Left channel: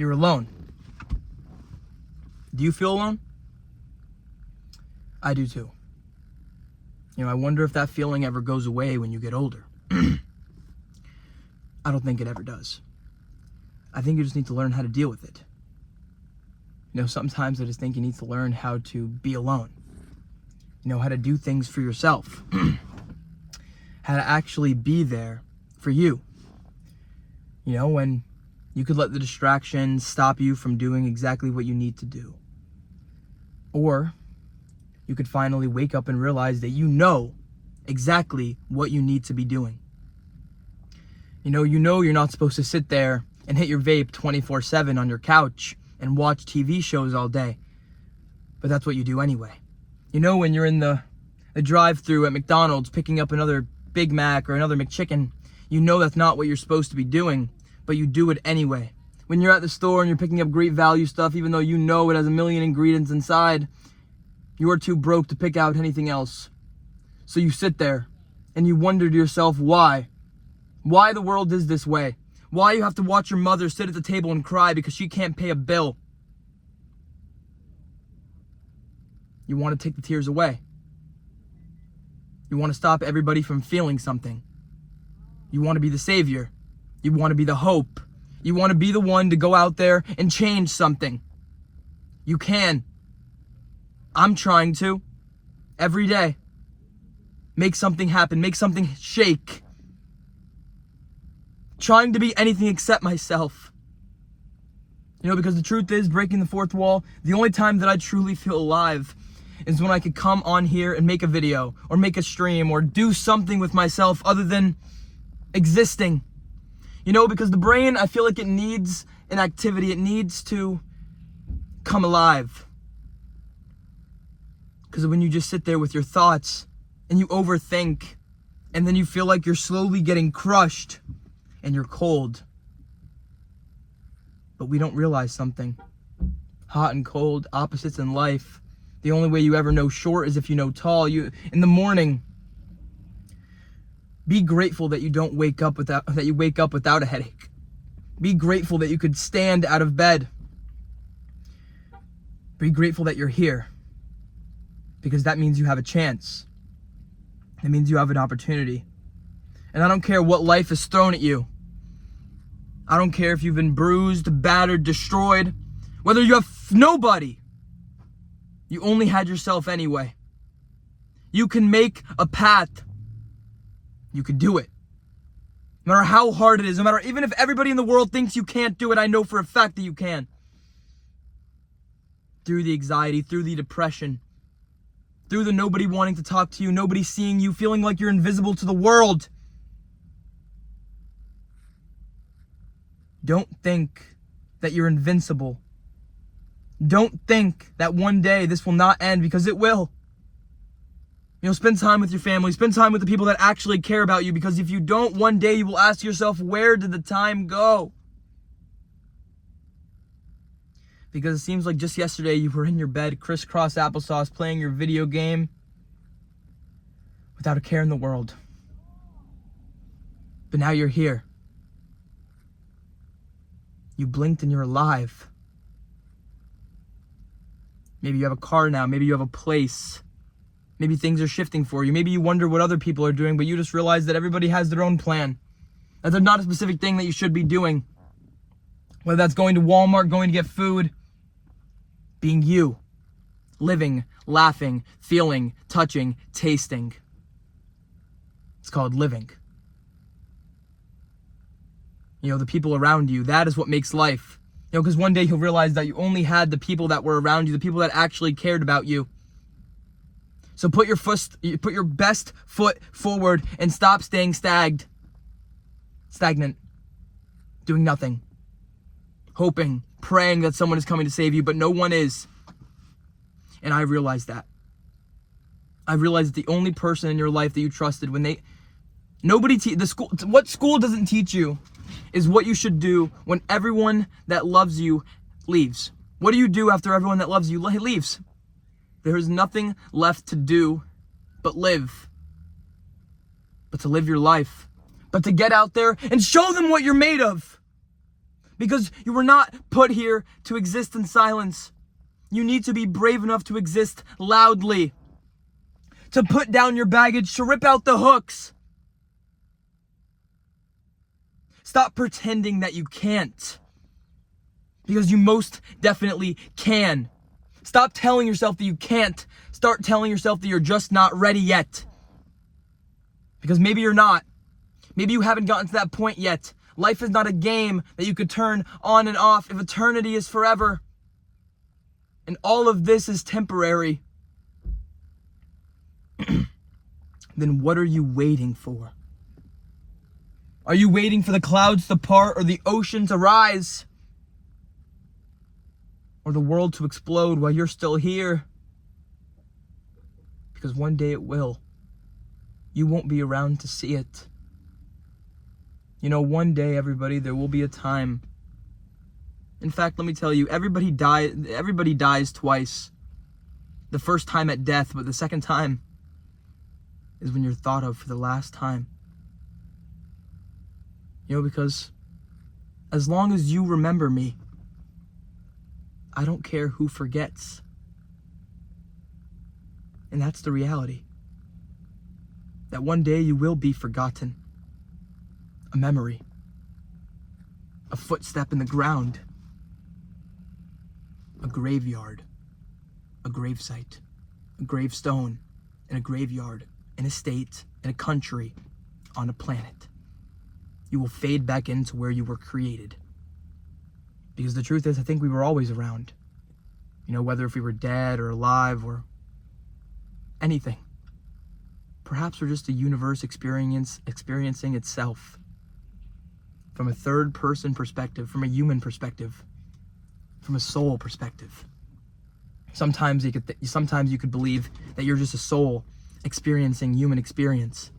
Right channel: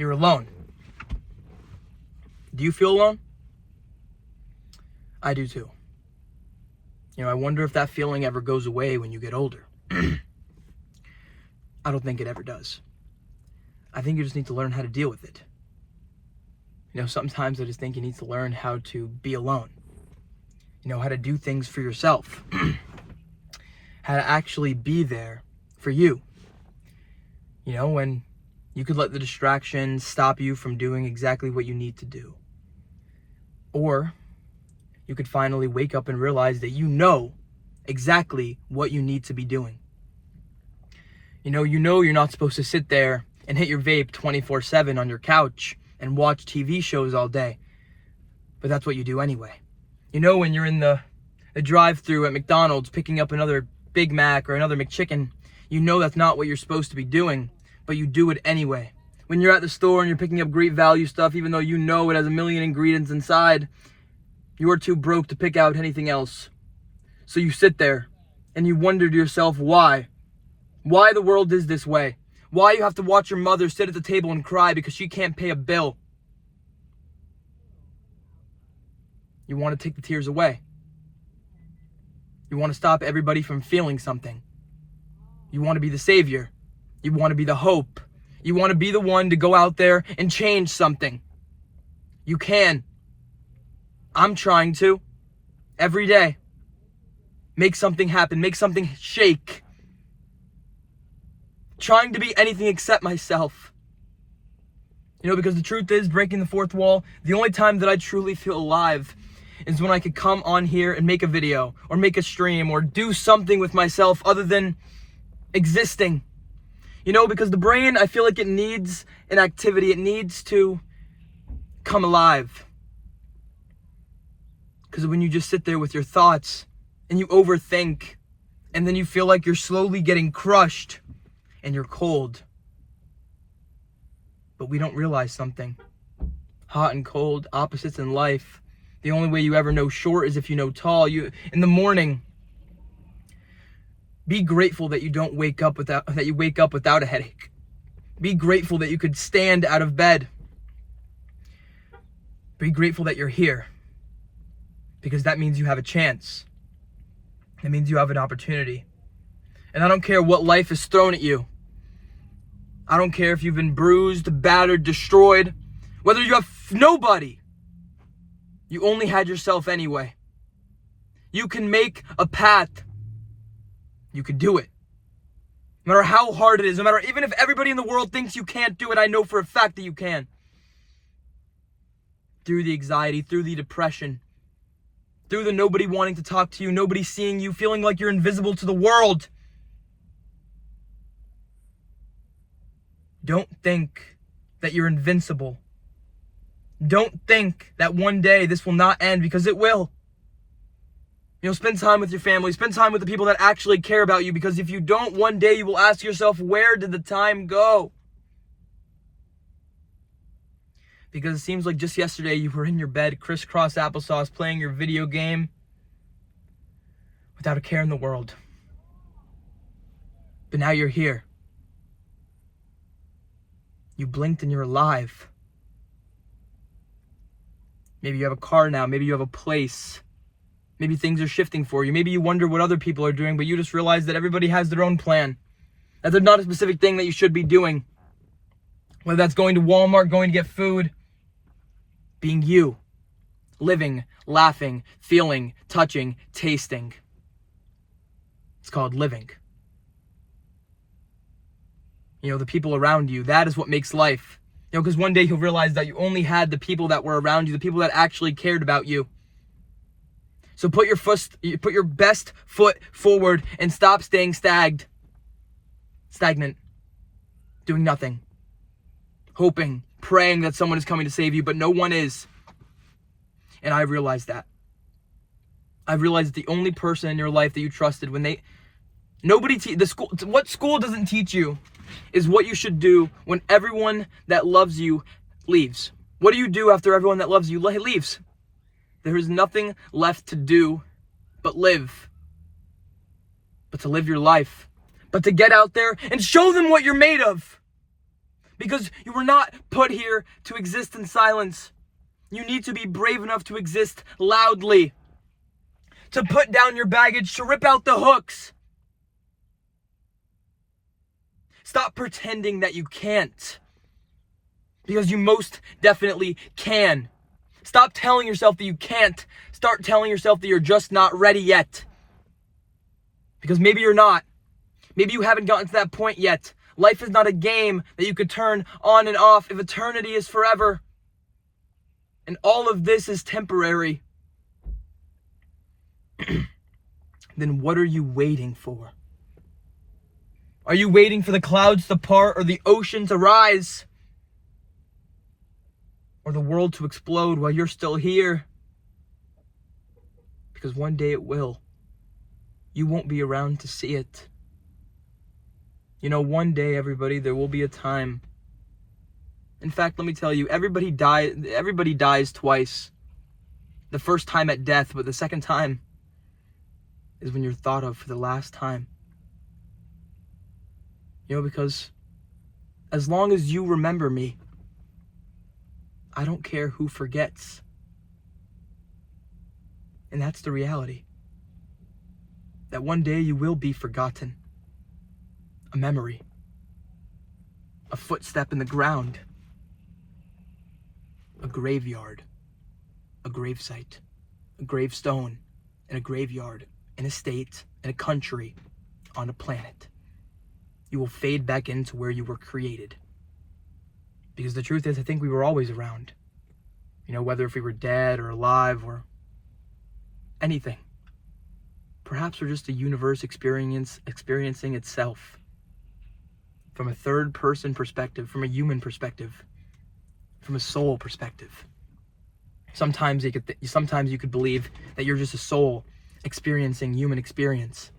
You're alone. Do you feel alone? I do too. I wonder if that feeling ever goes away when you get older. I don't think it ever does. I think you just need to learn how to deal with it. Sometimes I just think you need to learn how to be alone. How to do things for yourself. How to actually be there for you. When you could let the distractions stop you from doing exactly what you need to do. Or you could finally wake up and realize that you know exactly what you need to be doing. You're not supposed to sit there and hit your vape 24/7 on your couch and watch TV shows all day. But that's what you do anyway. When you're in the drive-thru at McDonald's picking up another Big Mac or another McChicken, that's not what you're supposed to be doing, but you do it anyway. When you're at the store and you're picking up great value stuff, even though it has a million ingredients inside, you are too broke to pick out anything else. So you sit there and you wonder to yourself why. Why the world is this way. Why you have to watch your mother sit at the table and cry because she can't pay a bill. You want to take the tears away. You want to stop everybody from feeling something. You want to be the savior. You want to be the hope. You want to be the one to go out there and change something. You can. I'm trying to. Every day. Make something happen. Make something shake. Trying to be anything except myself. Because the truth is, breaking the fourth wall, the only time that I truly feel alive is when I could come on here and make a video or make a stream or do something with myself other than existing. Because the brain, I feel like it needs an activity. It needs to come alive. Because when you just sit there with your thoughts and you overthink and then you feel like you're slowly getting crushed and you're cold. But we don't realize something. Hot and cold, opposites in life. The only way you ever know short is if you know tall. In the morning, be grateful that you wake up without a headache. Be grateful that you could stand out of bed. Be grateful that you're here. Because that means you have a chance. It means you have an opportunity. And I don't care what life has thrown at you. I don't care if you've been bruised, battered, destroyed. Whether you have nobody. You only had yourself anyway. You can make a path. You can do it. No matter how hard it is, even if everybody in the world thinks you can't do it, I know for a fact that you can. Through the anxiety, through the depression, through the nobody wanting to talk to you, nobody seeing you, feeling like you're invisible to the world. Don't think that you're invincible. Don't think that one day this will not end, because it will. Spend time with your family. Spend time with the people that actually care about you, because if you don't, one day you will ask yourself, where did the time go? Because it seems like just yesterday you were in your bed, crisscross applesauce, playing your video game without a care in the world. But now you're here. You blinked and you're alive. Maybe you have a car now. Maybe you have a place. Maybe things are shifting for you. Maybe you wonder what other people are doing, but you just realize that everybody has their own plan. That there's not a specific thing that you should be doing. Whether that's going to Walmart, going to get food. Being you. Living, laughing, feeling, touching, tasting. It's called living. The people around you, that is what makes life. Because one day you'll realize that you only had the people that were around you, the people that actually cared about you. So put your best foot forward and stop staying stagnant. Doing nothing. Hoping, praying that someone is coming to save you, but no one is. And I realized that. I realized that the only person in your life that you trusted what school doesn't teach you is what you should do when everyone that loves you leaves. What do you do after everyone that loves you leaves? There is nothing left to do but live. But to live your life. But to get out there and show them what you're made of. Because you were not put here to exist in silence. You need to be brave enough to exist loudly. To put down your baggage, to rip out the hooks. Stop pretending that you can't. Because you most definitely can. Stop telling yourself that you can't. Start telling yourself that you're just not ready yet. Because maybe you're not. Maybe you haven't gotten to that point yet. Life is not a game that you could turn on and off if eternity is forever. And all of this is temporary. Then what are you waiting for? Are you waiting for the clouds to part or the ocean to rise? Or the world to explode while you're still here? Because one day it will. You won't be around to see it. You know, one day, everybody, there will be a time. In fact, let me tell you, everybody dies twice. The first time at death, but the second time is when you're thought of for the last time. You know, because as long as you remember me, I don't care who forgets. And that's the reality. That one day you will be forgotten. A memory. A footstep in the ground. A graveyard. A gravesite. A gravestone. In a graveyard. In a state. In a country. On a planet. You will fade back into where you were created. Because the truth is, I think we were always around. You know, whether if we were dead or alive or anything. Perhaps we're just a universe experiencing itself. From a third person perspective, from a human perspective, from a soul perspective. Sometimes you could believe that you're just a soul experiencing human experience.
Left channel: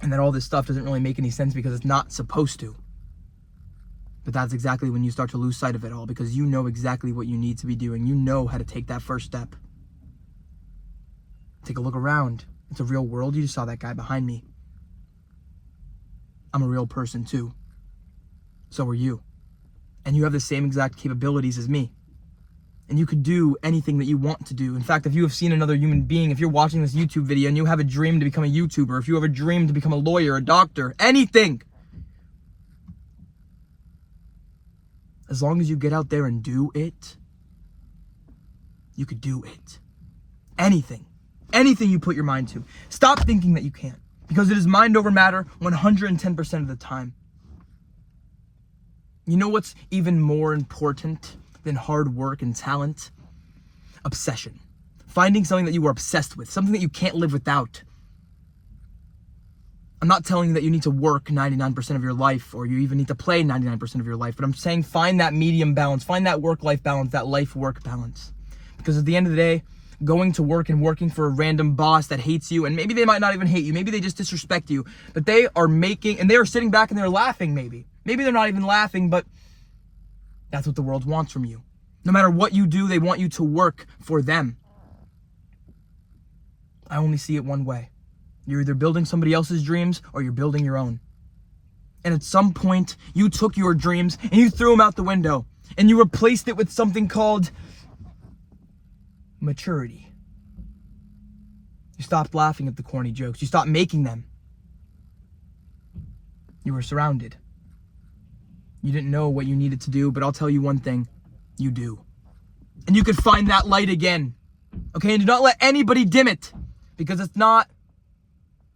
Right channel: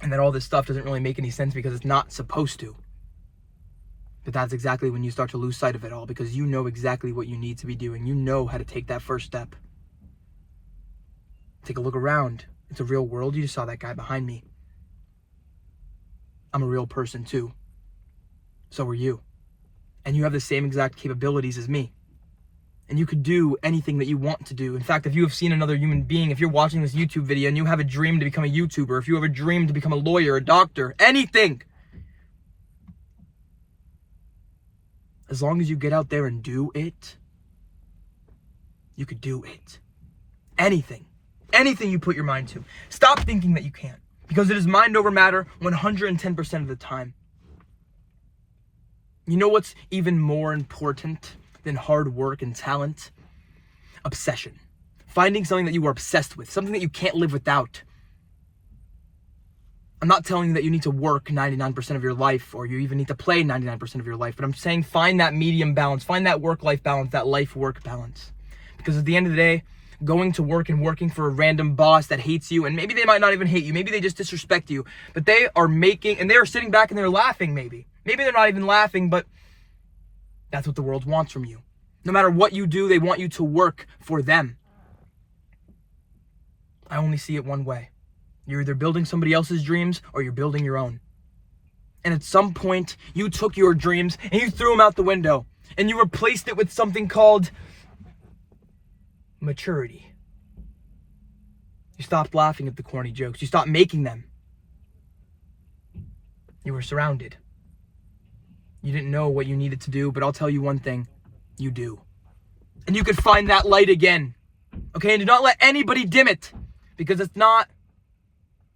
And that all this stuff doesn't really make any sense because it's not supposed to. But that's exactly when you start to lose sight of it all, because you know exactly what you need to be doing. You know how to take that first step. Take a look around. It's a real world. You just saw that guy behind me. I'm a real person too. So are you. And you have the same exact capabilities as me. And you could do anything that you want to do. In fact, if you have seen another human being, if you're watching this YouTube video and you have a dream to become a YouTuber, if you have a dream to become a lawyer, a doctor, anything. As long as you get out there and do it, you could do it. Anything. Anything you put your mind to. Stop thinking that you can't. Because it is mind over matter 110% of the time. You know what's even more important than hard work and talent? Obsession. Finding something that you are obsessed with. Something that you can't live without. I'm not telling you that you need to work 99% of your life or you even need to play 99% of your life. But I'm saying find that medium balance. Find that work-life balance. That life-work balance. Because at the end of the day, going to work and working for a random boss that hates you, and maybe they might not even hate you, maybe they just disrespect you, but they are sitting back and they're laughing maybe. Maybe they're not even laughing, but that's what the world wants from you. No matter what you do, they want you to work for them. I only see it one way. You're either building somebody else's dreams or you're building your own. And at some point, you took your dreams and you threw them out the window and you replaced it with something called maturity. You stopped laughing at the corny jokes. You stopped making them. You were surrounded. You didn't know what you needed to do, but I'll tell you one thing. You do. And you can find that light again. Okay? And do not let anybody dim it. Because it's not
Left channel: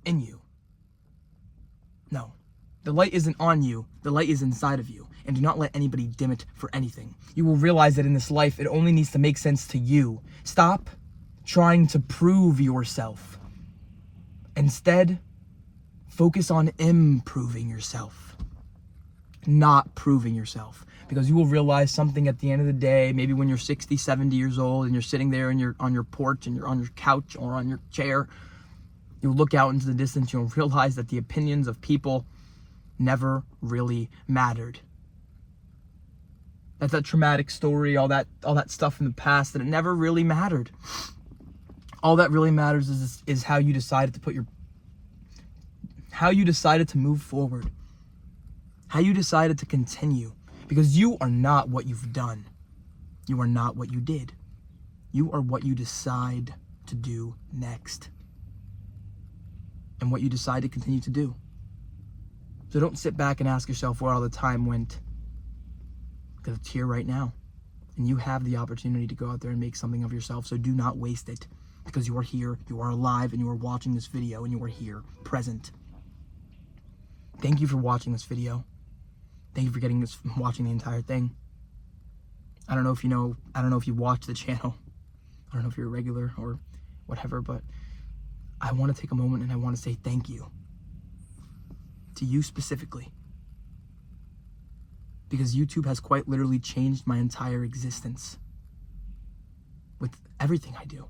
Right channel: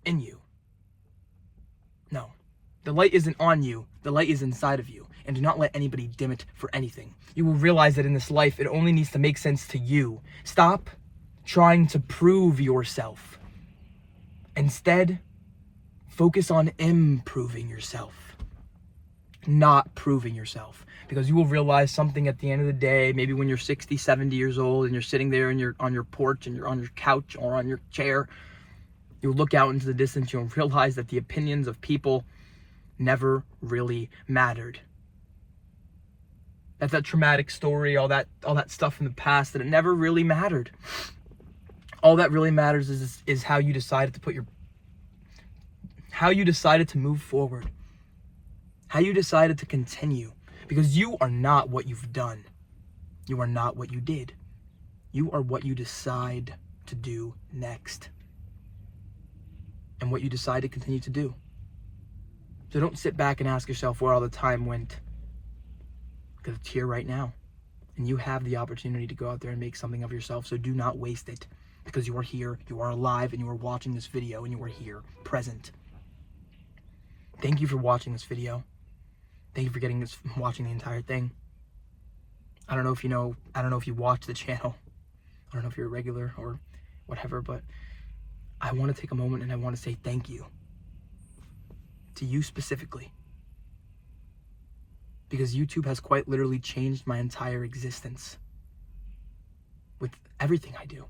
in you. No. The light isn't on you. The light is inside of you. And do not let anybody dim it for anything. You will realize that in this life, it only needs to make sense to you. Stop trying to prove yourself. Instead, focus on improving yourself. Not proving yourself. Because you will realize something at the end of the day, maybe when you're 60, 70 years old and you're sitting there and you're on your porch and you're on your couch or on your chair, you'll look out into the distance, you'll realize that the opinions of people never really mattered. That's that traumatic story, all that stuff in the past, that it never really mattered. All that really matters is how you decided to move forward. how you decided to continue, because you are not what you've done. You are not what you did. You are what you decide to do next, and what you decide to continue to do. So don't sit back and ask yourself where all the time went, because it's here right now, and you have the opportunity to go out there and make something of yourself. So do not waste it, because you are here, you are alive, and you are watching this video, and you are here, present. Thank you for watching this video. Thank you for watching the entire thing. I don't know if you watch the channel. I don't know if you're a regular or whatever, but I want to take a moment and I want to say thank you to you specifically, because YouTube has quite literally changed my entire existence with everything I do.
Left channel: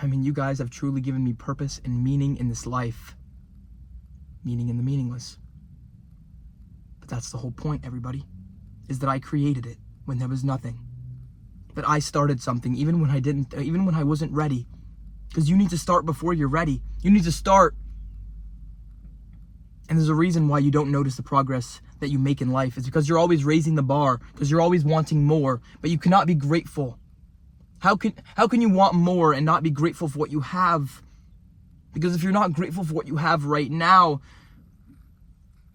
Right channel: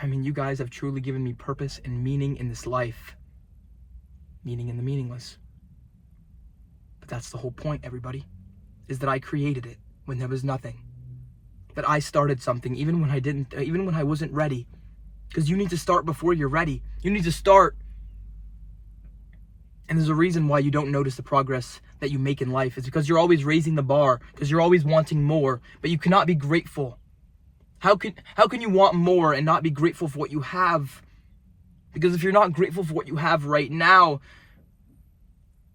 I mean, you guys have truly given me purpose and meaning in this life, meaning in the meaningless. But that's the whole point, everybody, is that I created it when there was nothing. That I started something even when I wasn't ready. Because you need to start before you're ready. You need to start. And there's a reason why you don't notice the progress that you make in life. It's because you're always raising the bar, because you're always wanting more, but you cannot be grateful. How can you want more and not be grateful for what you have? Because if you're not grateful for what you have right now,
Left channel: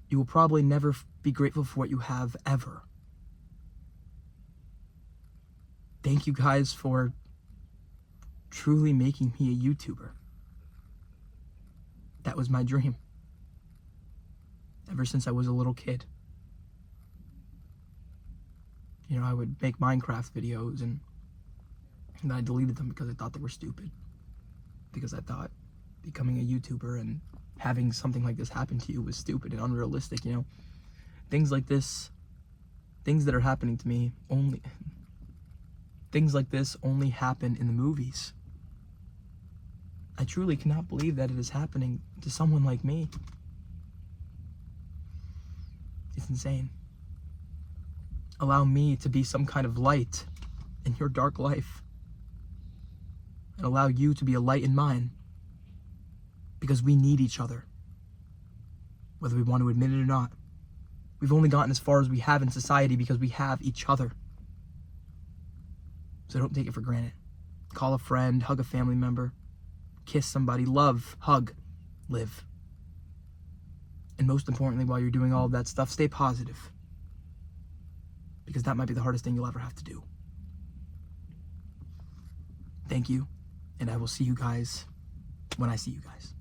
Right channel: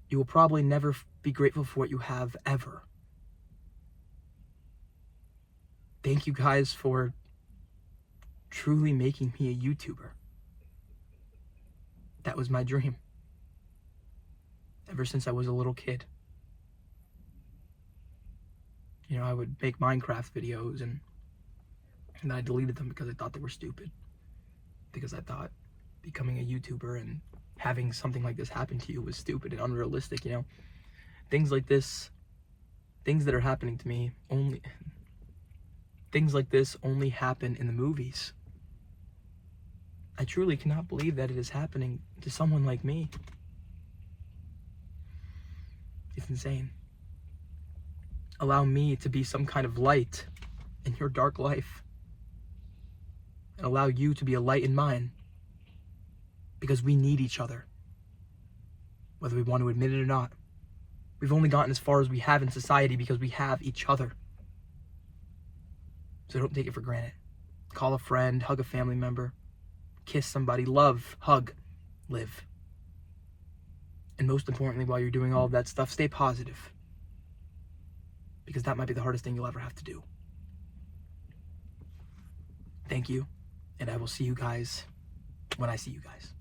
you will probably never be grateful for what you have ever. Thank you guys for truly making me a YouTuber. That was my dream. Ever since I was a little kid. You know, I would make Minecraft videos and I deleted them because I thought they were stupid. Because I thought becoming a YouTuber and having something like this happen to you was stupid and unrealistic, you know. Things like this, things that are happening to me, things like this only happen in the movies. I truly cannot believe that it is happening to someone like me. It's insane. Allow me to be some kind of light in your dark life. And allow you to be a light in mine. Because we need each other. Whether we want to admit it or not. We've only gotten as far as we have in society because we have each other. So don't take it for granted. Call a friend, hug a family member, kiss somebody, love, hug, live. And most importantly, while you're doing all of that stuff, stay positive. Because that might be the hardest thing you'll ever have to do. Thank you, and I will see you guys when I see you guys.